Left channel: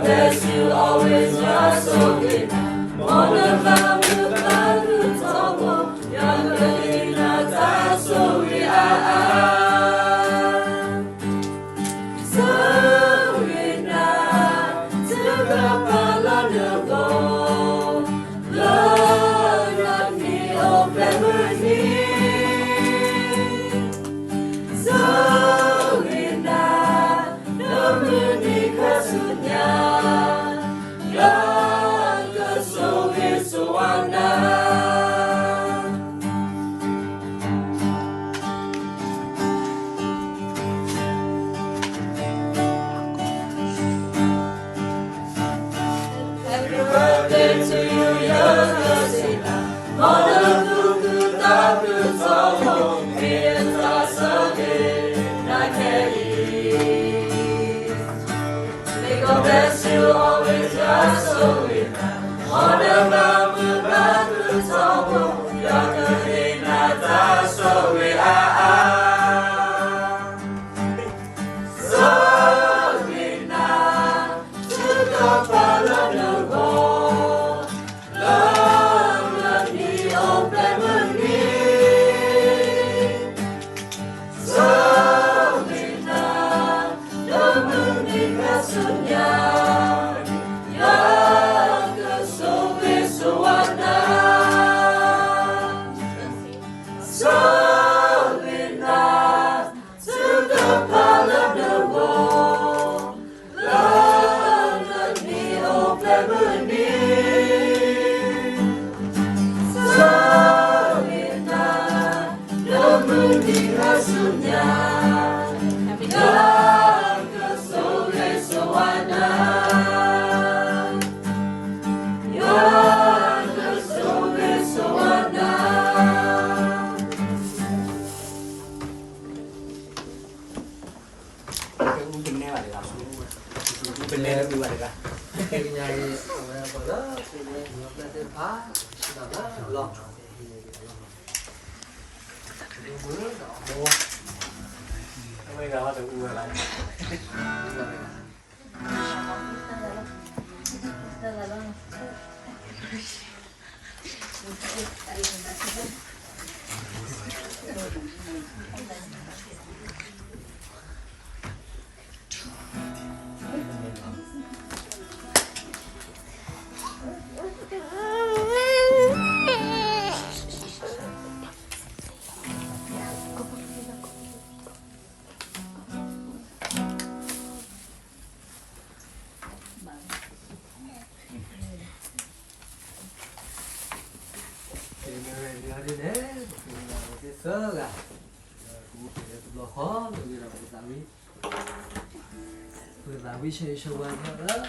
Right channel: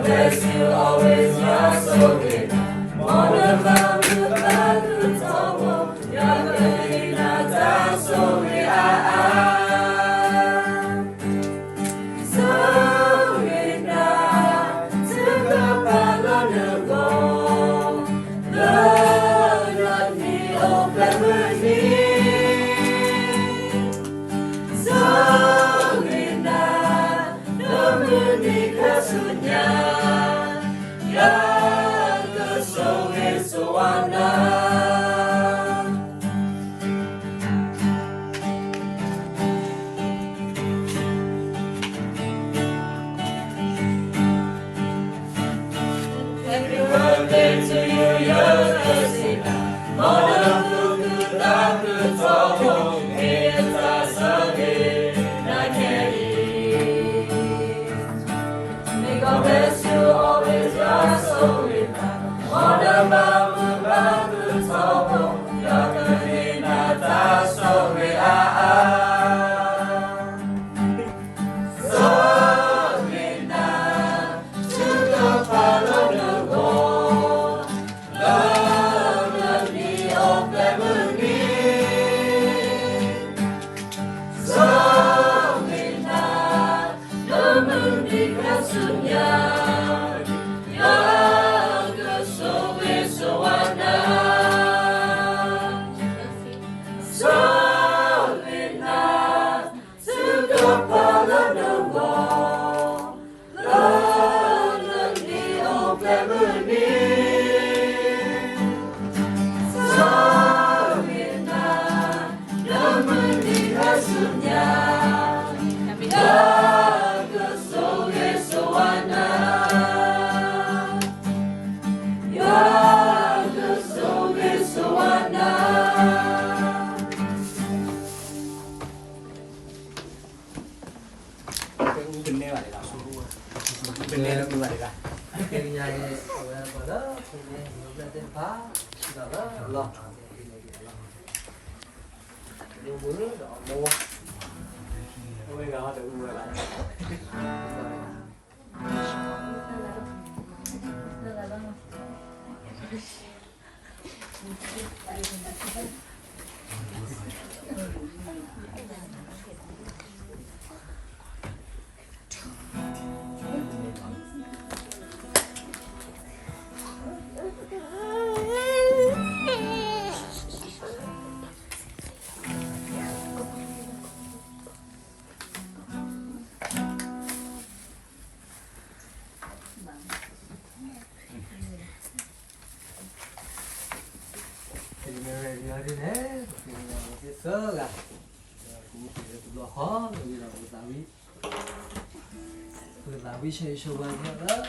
Bless you always, you're so good. More than love, you got to talk. You're good, that's so we are. So we now to the Palana go. Lord, let me open me. So we now, no money, Kasunya. Bless you always, you're so good. On a mountain, round the top, you're good, that's so we are. So we now to the Palana go. Love me, open me. So we now, no money, Kasunya. Bener dua ya. Kayaknya orang pada punya belajar apa? Sudah lah. Ini boleh dah mau. Kamu enggak ada dua lagi. Soga, lo ho, lo mira Betawi saya coba lah, betul